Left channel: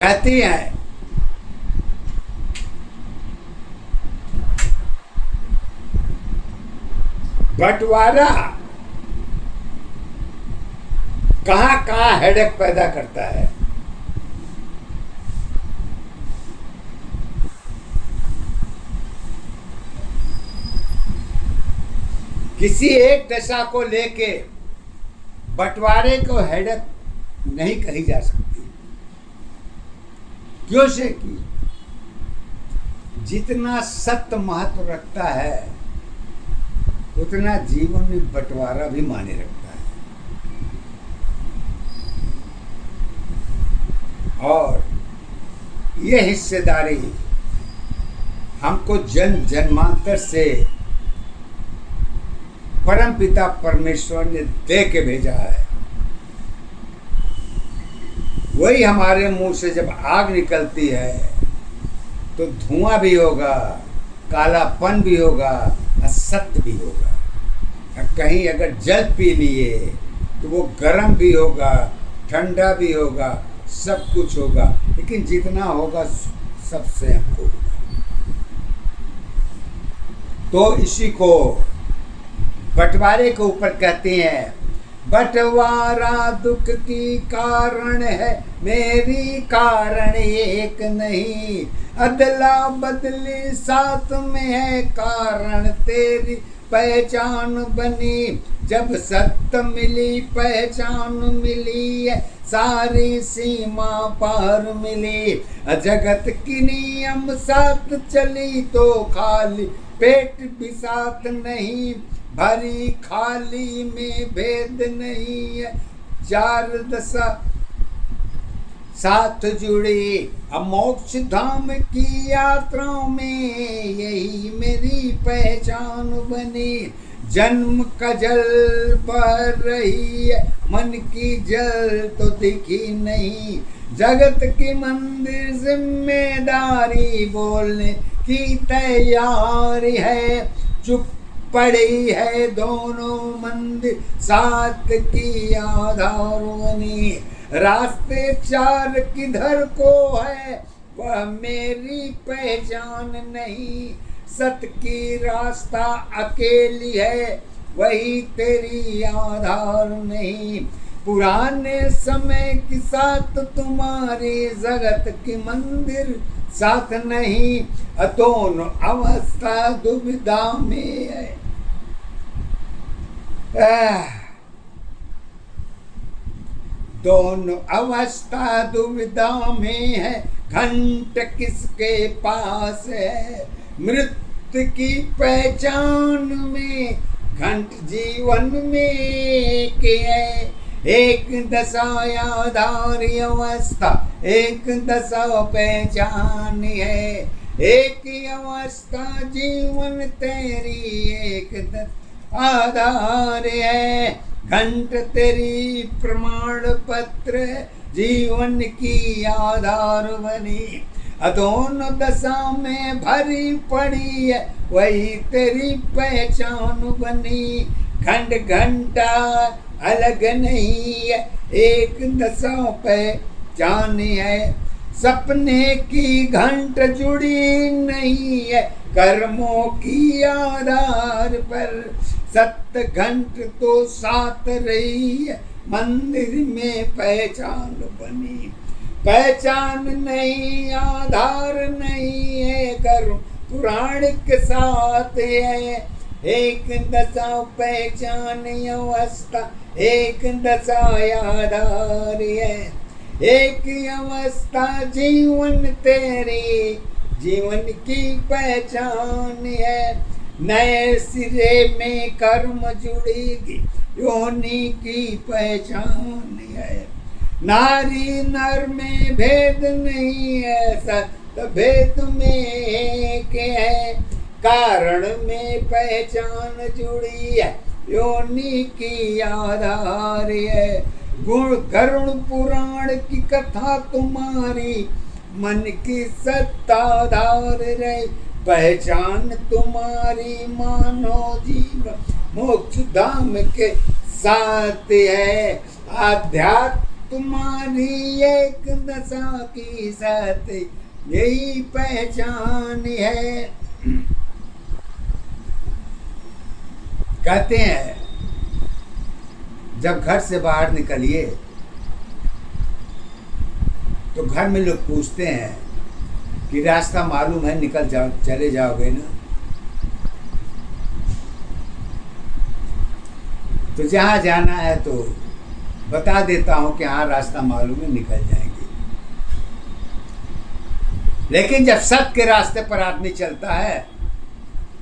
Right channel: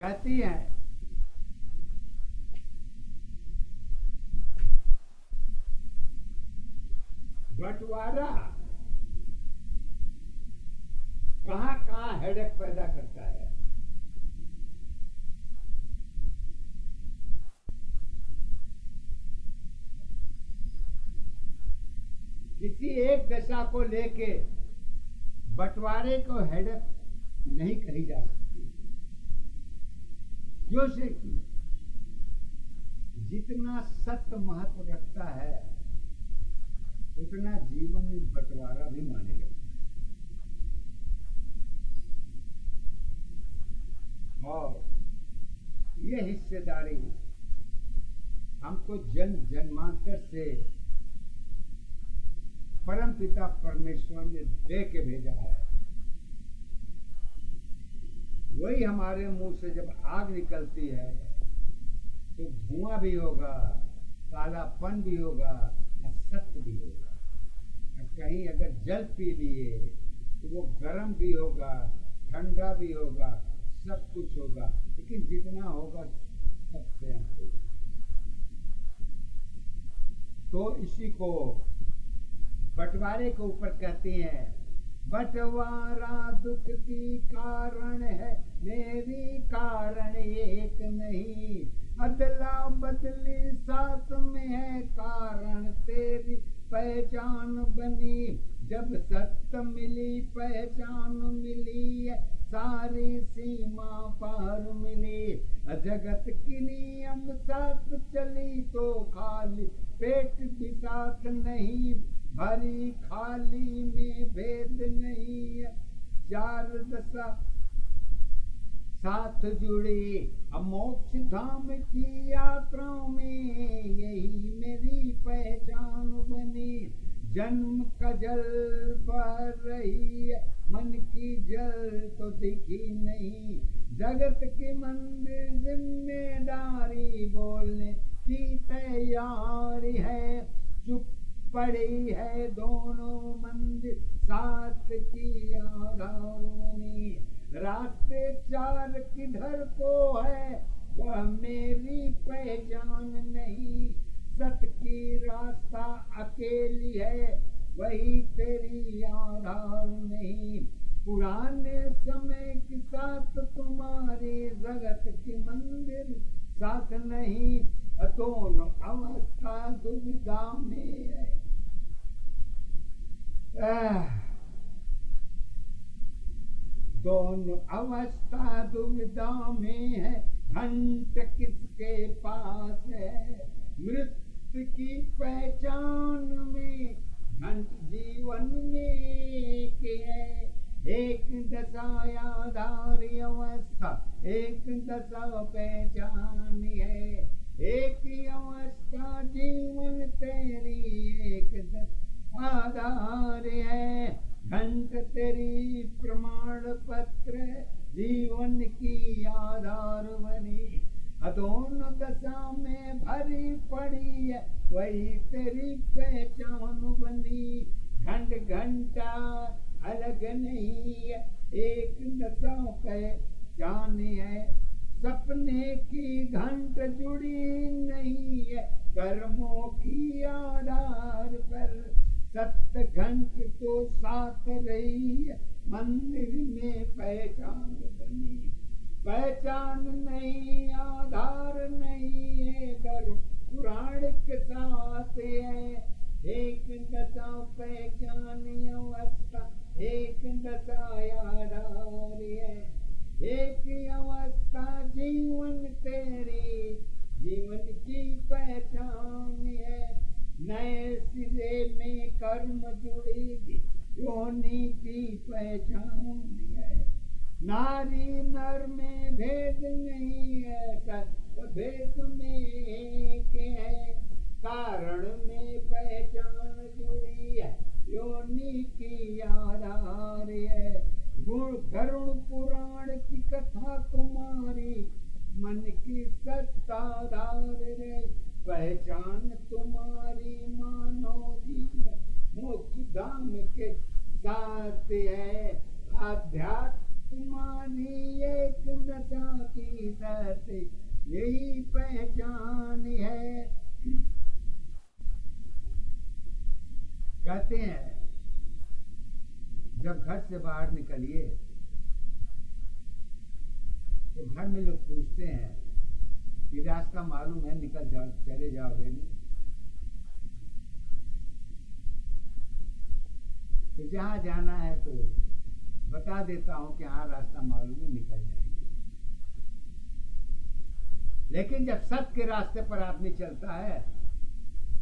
कहती हैं बंटवारा कहाँ कहाँ हेडेक पैदा करता है। किसी एक दशा को लेके बंटवारे को हेडेक नहीं कही जा सकती। क्यों से कि जितना सत्य महत्व रखता है उतना जीवन में बंटवारा भी माने रखता है। और ये हिस्सेदारी हमको जन्म जन्मांतर से परम पिता परमेश्वर ने दे के भेजा है। वही हमारे मुंह से जब आग निकलती है तो धुआं भी होगा, कालापन भी होगा, असत्य भी होगा। कहीं अगर जल पी लिए तो वो गर्म भी होगा, ठंडा भी होगा, सब कुछ होगा, लेकिन जितना होगा सबसे हमको होगा। तो इसी को बंटवारे के ऊपर कहते हैं, बंटवारा दुख की कारण है, मेरी कारण एक नहीं। अदला बदली साथ में है, कारण तेरी पहचान बनी। जब सत्य मिली पहचान मिली है, सारी सीमा पार मिली। जगत की नियम साथ चली तो खाली पेट भी साथ नहीं। भरी खाली में भेद नहीं है, चार दशा साथ जुड़ी। अब मोक्ष धाम की यात्रा में यही मेरी पहचान बनी। जन्म का जल बह रही है, मन की जल तो दिखी नहीं। जगत की मंदिर जिम्मेदारी बोलने की तैयारी है। चुप पड़ी है दोनों मंदिर साथ की आधार बनी। रास्ते चार किधर को है, वह मेरी पहचान नहीं। सत की रास्ता अकेली है, वही तेरी आधार नहीं। पुराने समय की साथ तुम्हारी, जगत की मंदिर साथ नहीं। दोनों अवस्था दुविधा में है। दोनों अवस्था दुविधा में है, घंट किसके पास है। मृत्यु की पहचान में, घंट जीवन में के है। एक दशा आधारी अवस्था, एक दशा पहचान है। एक अवस्था जीवन तेरी, एक दशा आधार है। घंट तेरी प्रमाण पत्र, जीवन की आधार बनी। दोनों दशा में भरी पड़ी है, वही तेरी पहचान बनी। घंट घंटा अलग नहीं है, एक दशा पहचान है। सपने की घंट जुड़ी नहीं है, कर्मों की आधार पर। सत्य घंट तो साथ रही है, मंदिर में पहचान बनी। पहचान नहीं, आधार नहीं है, कर्म पुराण के साथ है। एक दशा पहचान अवस्था, एक दशा आधार है। एक अवस्था जीवन तेरी, जीवन की पहचान है। नए सिरे में कर्म जुड़ेगी, योनि की पहचान है। नारी नर में भेद नहीं है, सत्य भेद में एक है। कारण में पहचान जुड़ी है, योनि की आधार है। गुण करुण पुराण की कथा तुम्हारी, मन की सत्ताधार रहे। पहचान तुम्हारी मानो जीवन मोक्ष धाम के साथ है। आध्यात्म तुम्हारी एक दशा की सत्य यही पहचान है। कहते हैं जब घर से बाहर निकलिए तो घर में लोग पूछते हैं कि रास्ता मालूम है, निकल जाओ, चले जाओगे ना? तो जहाँ जाना है तो बता देता हूँ कि हाँ रास्ता मालूम है, निकल जाएंगे। लेकिन जब सत्य के रास्ते पर आदमी चलता है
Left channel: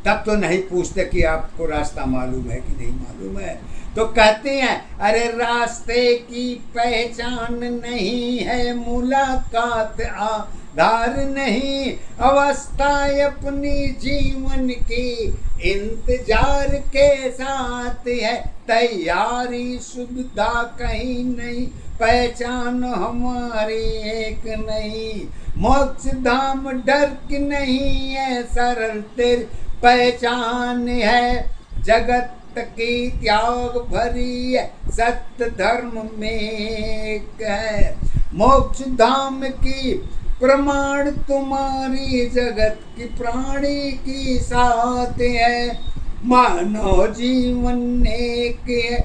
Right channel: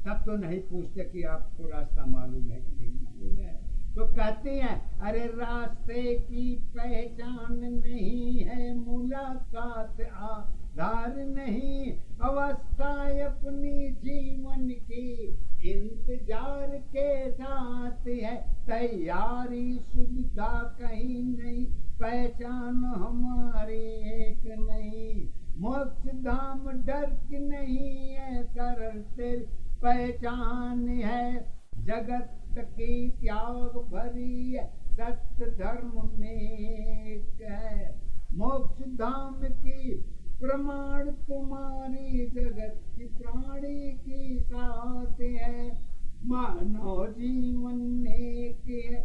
तब तो नहीं पूछते कि आपको रास्ता मालूम है कि नहीं मालूम है। तो कहते हैं अरे रास्ते की पहचान नहीं है, मुलाकात आधार नहीं, अवस्था अपनी जीवन की इंतजार के साथ है, तैयारी सुविधा कहीं नहीं, पहचान हमारी एक नहीं, मोक्ष धाम डर की नहीं है, सरल तेरी पहचान है, जगत की त्याग भरी है, सत्य धर्म में एक है, मोक्ष धाम की प्रमाण तुम्हारी, जगत की प्राणी की साथ है, मानव जीवन एक है,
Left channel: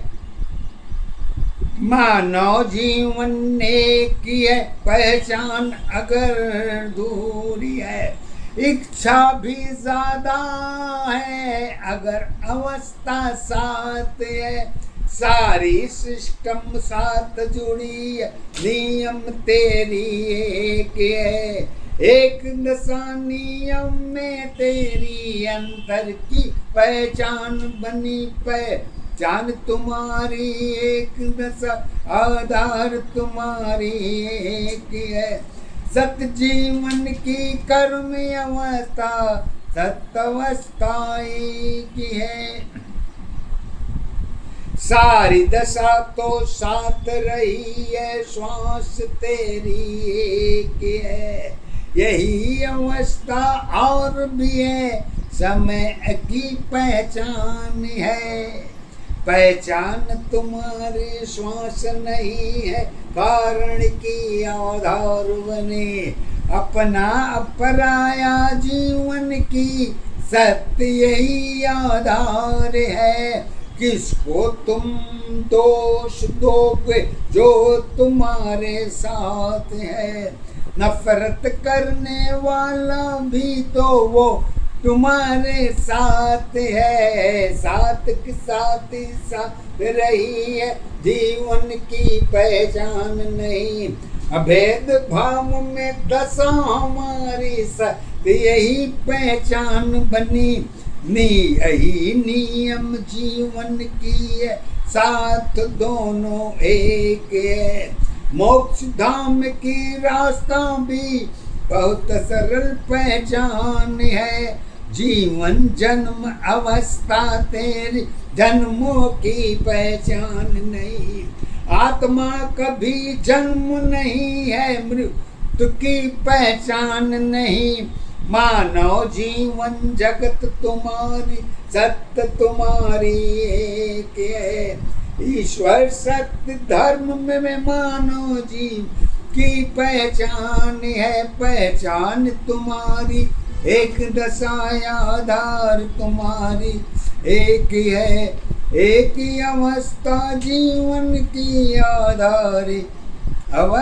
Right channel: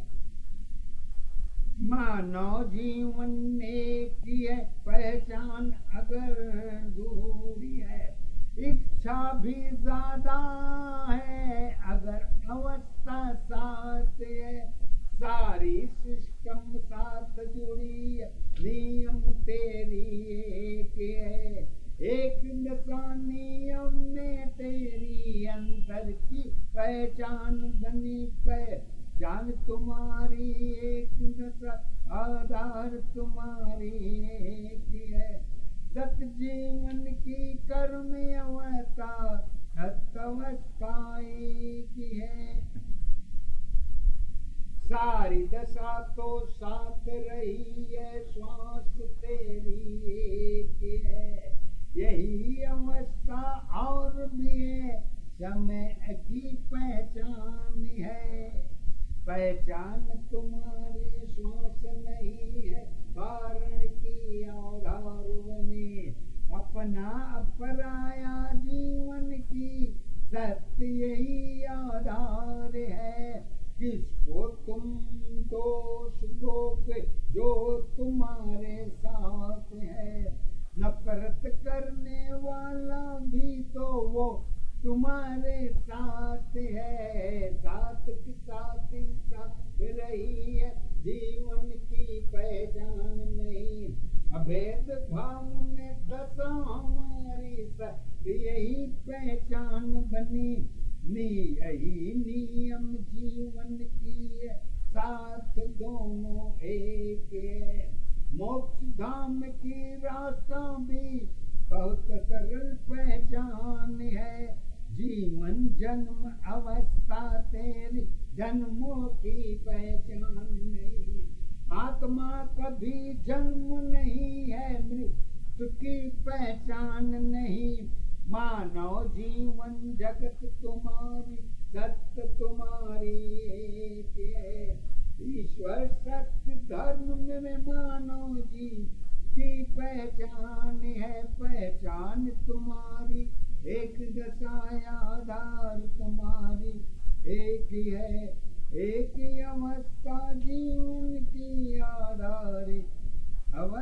मानव जीवन एक है, पहचान अगर दूरी है, इच्छा भी ज्यादा है अगर अवस्था साथ है, सारी सिस्टम साथ जुड़ी है, नियम तेरी एक है, एक दशा नियम में तेरी अंतर की पहचान बनी, पहचान तुम्हारी एक दशा आधार तुम्हारी एक है, सत्य जीवन की कर्म अवस्था सत्वस्था की है, सारी दशा तो साथ रही है, श्वास तेरी एक है, यही अवस्था और भी है, समय की पहचान है, पहचान तुम्हारे श्वास नहीं है, कारण की आधार बने, अपना अपराया जीवन की सत्य यही आधार है, किसको तुम दोष दोगे जो तुम्हारे साथ है, नफरत करने वाला भी तो वो तुम्हारे साथ है, साथ के साथ ही साथ रही है, जीवन की पहचान नहीं, अभेद भाव में दशा हमारी सत्य यही पहचान बनी, यही नियम जीवन की है, साथ दोनों एक है, मोक्ष धाम की रास्ता भी बहुत सरल पहचान है, जीवन जन्म अवस्था तेरी जन्मों की पहचान नहीं, आत्मा कभी जन्म नहीं है, मृत्यु की पहचान नहीं, मानव जीवन जगत तुम्हारी सत्य तुम्हारी एक है, ईश्वर सत्य धर्म में मानव जीव की पहचान है, पहचान तुम्हारी एक दशा आधार तुम्हारी एक है, एक ही अवस्था जीवन की आधार अवस्था।